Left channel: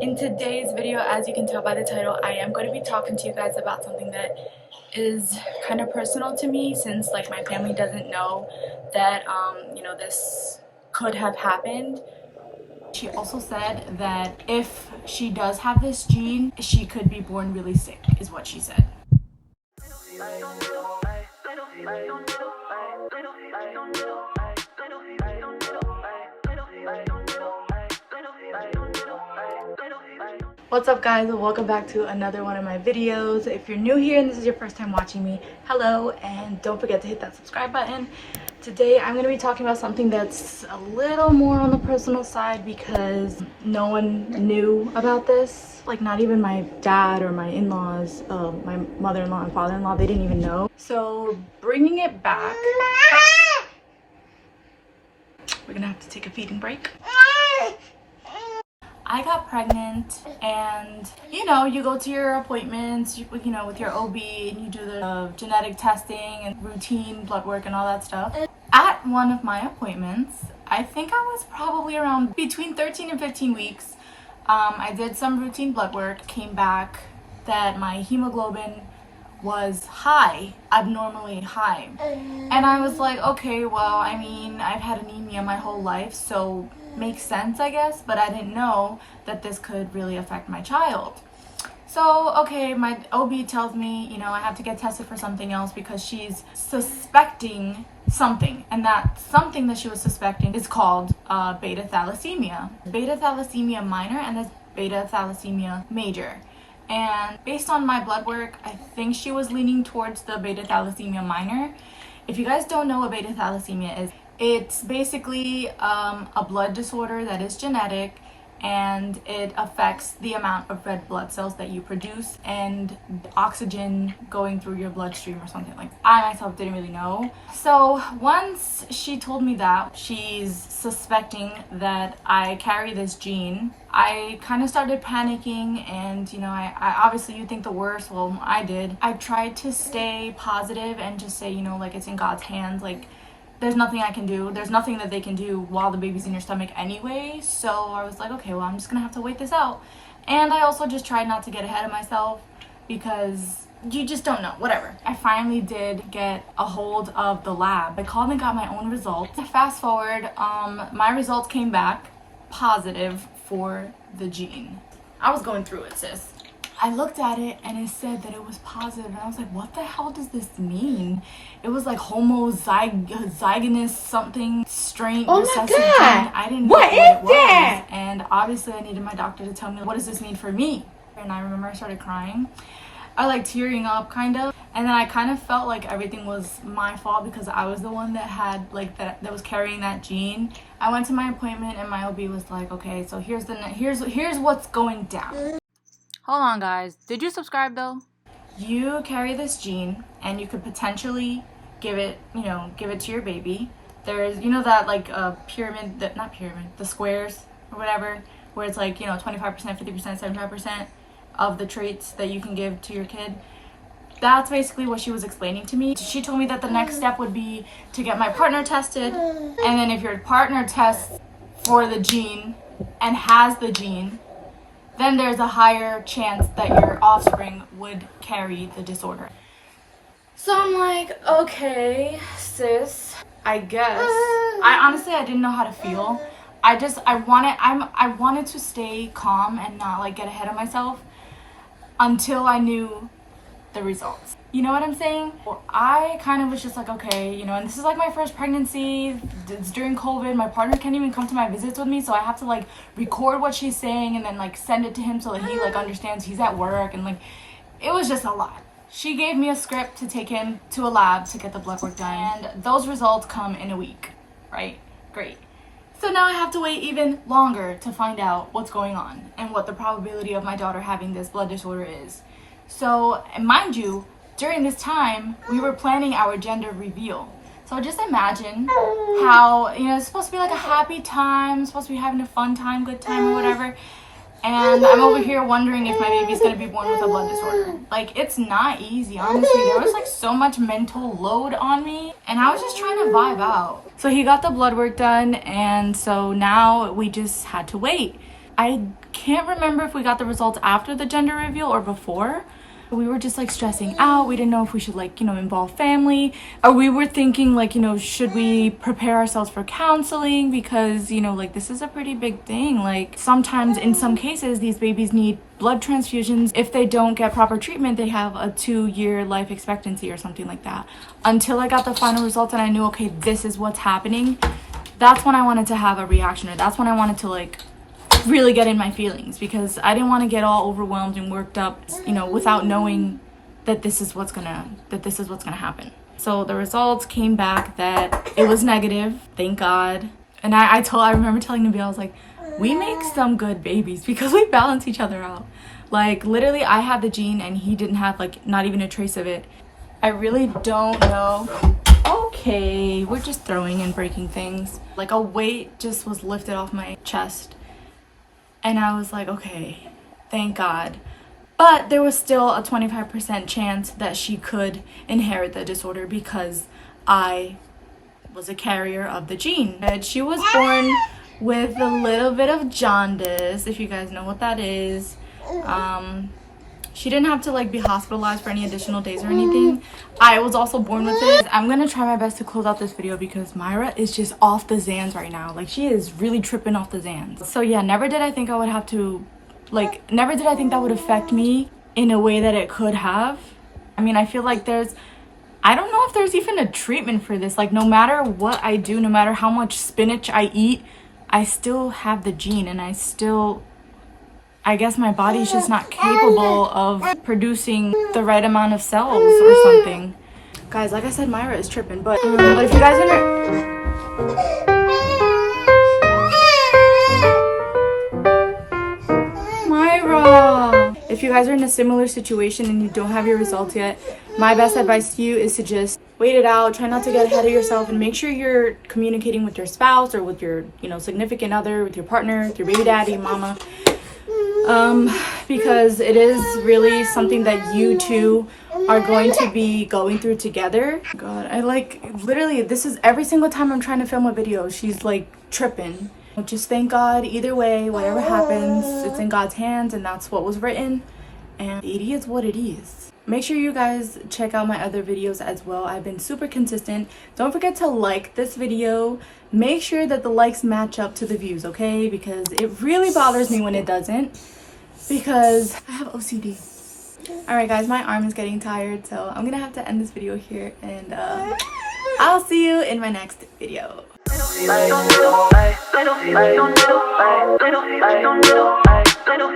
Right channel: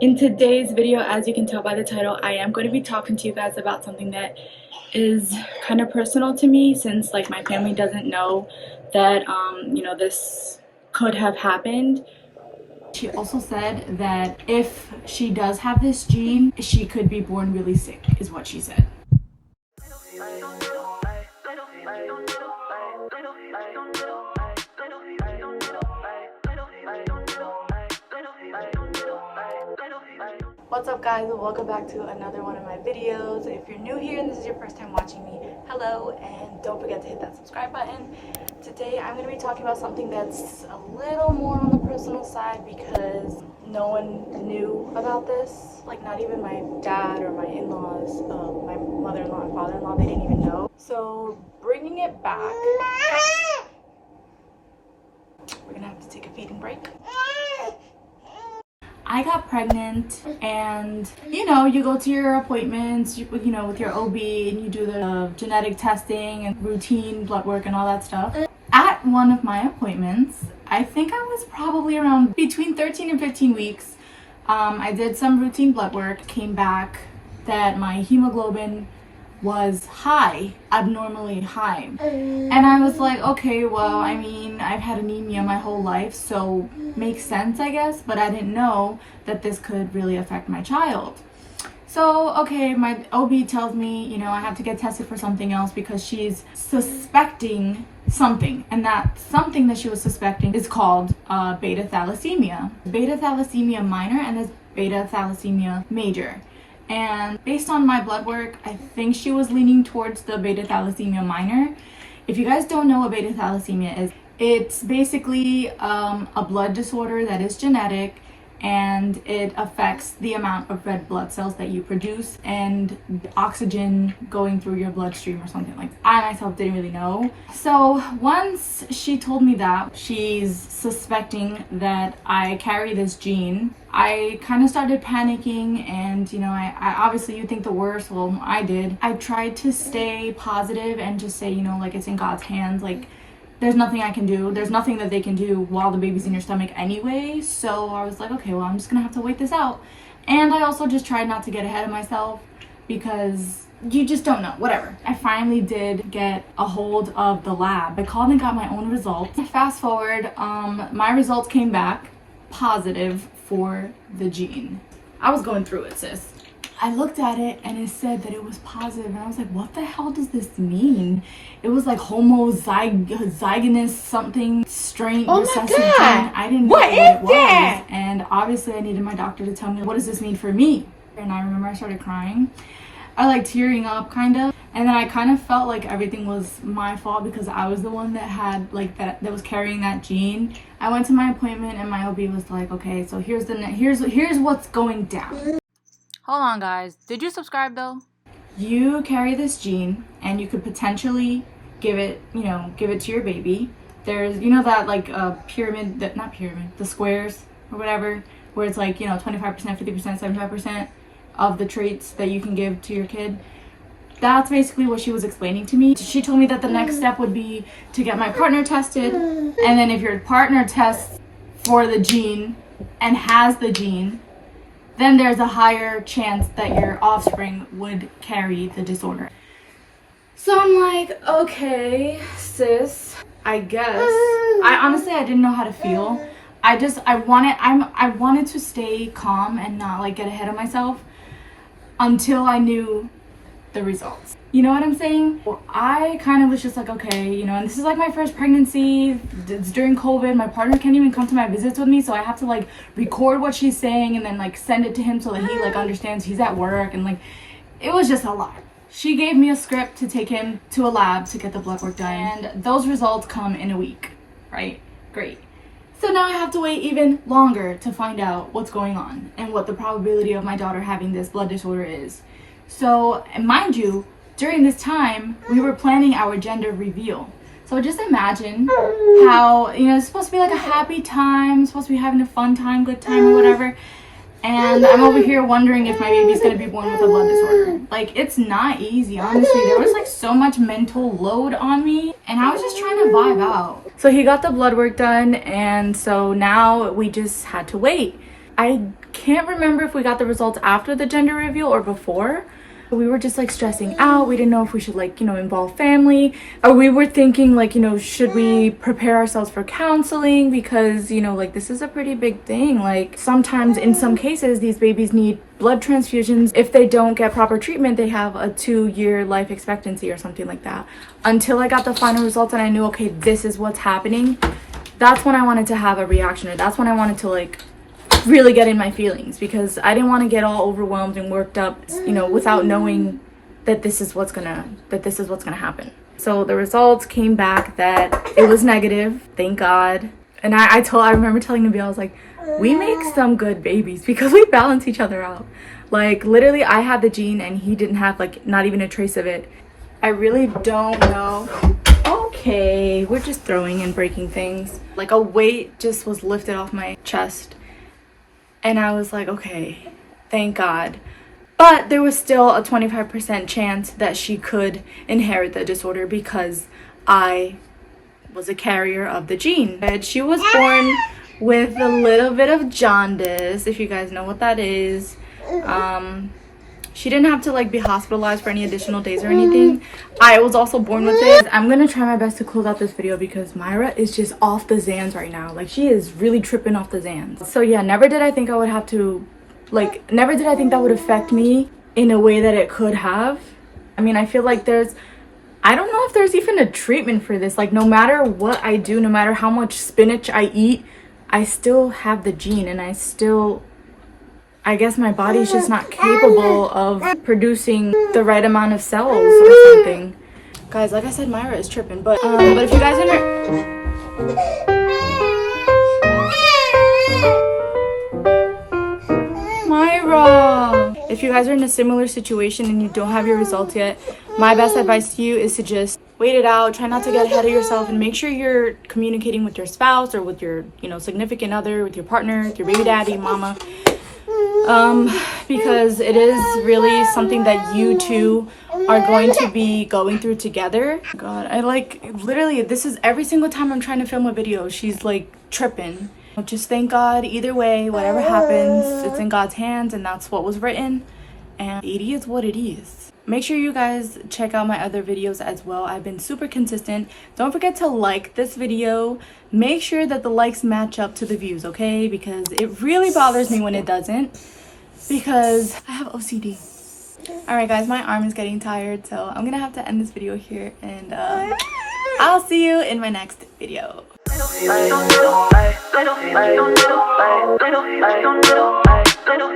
In today's video, as you can tell by the title, I am going to be talking to you guys about something that is kind of personal to me, since like my family doesn't know that this could have happened. She also said that if she does have this gene, she could be born really sick, is what she said. What's up, guys? Welcome back to another one of my videos. If you're new here and this is your first time watching me, hello, and don't forget to hit that subscribe button. Today I'm going to be talking about something that's a little more on the personal side because no one knew about this. Like, not even my dad or my in-laws, my mother-in-law and father-in-law, they didn't even know. So bringing it back, we're gonna have to take a feeding break. I got pregnant, and you go to your appointments, with your OB, and you do the genetic testing and routine blood work and all that stuff. At one of my appointments, I think I was probably around between 13 and 15 weeks. I did some routine blood work, came back that my hemoglobin was high, abnormally high. And I was like, okay, well, I mean, I've had anemia my whole life, so makes sense, I guess, but I didn't know that this could really affect my child. So, okay, my OB tells me, I have to get tested for something else because she's suspecting something, and that something that she was suspecting is called beta thalassemia. Beta thalassemia minor and this beta thalassemia major. And based on my blood work, I think she was leaning towards the beta thalassemia minor. If you guys don't know what beta thalassemia is, it's basically a blood disorder that is genetic, and it affects the amount of red blood cells that you produce and oxygen going through your bloodstream or something like that. I myself didn't really know. So once she told me that she's suspecting that I carry this gene, I kind of started panicking, and I obviously, you think the worst. Well, I did. I tried to stay positive and just say, like, it's in God's hands. Like, there's nothing I can do. There's nothing that they can do while the baby's in your stomach anyway. So I was like, okay, well, I'm just gonna have to wait this out. And I also just tried not to get ahead of myself because you just don't know, whatever. I finally did get a hold of the lab. I called and got my own results. Fast forward, my results came back positive for the gene. I was going through it, sis. I looked at it and it said that it was positive, and I was like, what the hell does this mean? It was like homozygous something strain. Oh my god! I didn't know what is that? And obviously I needed my doctor to tell me, what does this mean for me? And I remember I started crying. I like tearing up kind of, and then I kind of felt like everything was my fault because I was the one that had that was carrying that gene. I went to my appointment and my OB was like, okay, so here's what's going down. Hold on, guys. Did you subscribe though? You carry this gene and you could potentially give it to your baby. There's that pyramid, the squares or whatever, where it's like 25%, 50%, 75% of the traits that you can give to your kid. That's basically what she was explaining to me. She told me that the next step would be to get my partner tested, and then if your partner tests for the gene and has the gene, then there's a higher chance that your offspring would carry the disorder. So I'm like, okay, sis, I guess. I didn't know how to feel. I wanted to stay calm and not get ahead of myself until I knew the results. You know what I'm saying? Well, I kind of was just like, okay, and this is like my first pregnancy. It's during COVID. My partner can't even come to my visits with me, so I have to record what she's saying and then send it to him so that he understands. He's at work, and it was just a lot. She gave me a script to take him to a lab to get the blood work done, and those results come in a week, right? Great. So now I have to wait even longer to find out what's going on and what the probability of my daughter having this blood disorder is. So, and mind you, during this time, we were planning our gender reveal. So just imagine how, it's supposed to be like a happy time, supposed to be having a fun time, good time or whatever. And I'm over here wondering if my baby's gonna be born with a blood disorder. It's not easy, honestly. There was so much mental load on me, and I was just trying to vibe out. So he got the blood work done, and so now we just had to wait. I can't remember if we got the results after the gender reveal or before. We were just like stressing out. We didn't know if we should like, you know, involve family, or we were thinking like, you know, should we prepare ourselves for counseling, because, you know, like this is a pretty big thing. Like sometimes in some cases these babies need blood transfusions. If they don't get proper treatment, they have a 2-year life expectancy or something like that. Until I got the final results and I knew, okay, this is what's happening, that's when I wanted to have a reaction, or that's when I wanted to like really get in my feelings, because I didn't want to get all overwhelmed and worked up, you know, without knowing that this is what's gonna happen. So the results came back that it was negative, thank God. And I remember telling Nabil, I was like, we make some good babies because we balance each other out. Like literally I had the gene and he didn't have like not even a trace of it. I really don't know. Okay, we're just throwing and breaking things. Like a weight just was lifted off my chest. And I was like, okay, thank God. But there was still a 25% chance that she could inherit the disorder because I was a carrier of the gene. And she was born with a little bit of jaundice, if you guys know what that is. She didn't have to like be hospitalized for any additional days or anything. I was also born with it. I'm gonna try my best to close out this video because Myra is just off the Zans right now. Like she is really tripping off the Zans. So yeah, never did I think I would have to, like, never did I think that would affect me in a way that it could have. I mean, I feel like I don't know if there's even a treatment for this. Like no matter what I do, no matter how much spinach I eat, I still have the gene, and I guess my body's just not capable of producing the right amount of cells or something. Guys, like I said, Myra is tripping, but if you guys Myra! If you guys are in a similar situation and you don't have your results yet, my best advice to you is to just wait it out. Try not to get ahead of yourself, and make sure you're communicating with your spouse or with your, you know, significant other, with your partner, with your baby daddy, mama. Because it is really something that you two are going to be going through together. God, I like literally, this is every single time I'm trying to film a video, she's like tripping. Just thank God either way, whatever happens, it's in God's hands, and that's what was written, and it is what it is. Make sure you guys check out my other videos as well. I've been super consistent. Don't forget to like this video. Make sure that the likes match up to the views, okay? Because it really bothers me when it doesn't, because I have OCD. All right guys, my arm is getting tired, so I'm gonna have to end this video here, and I'll see you in my next video. Little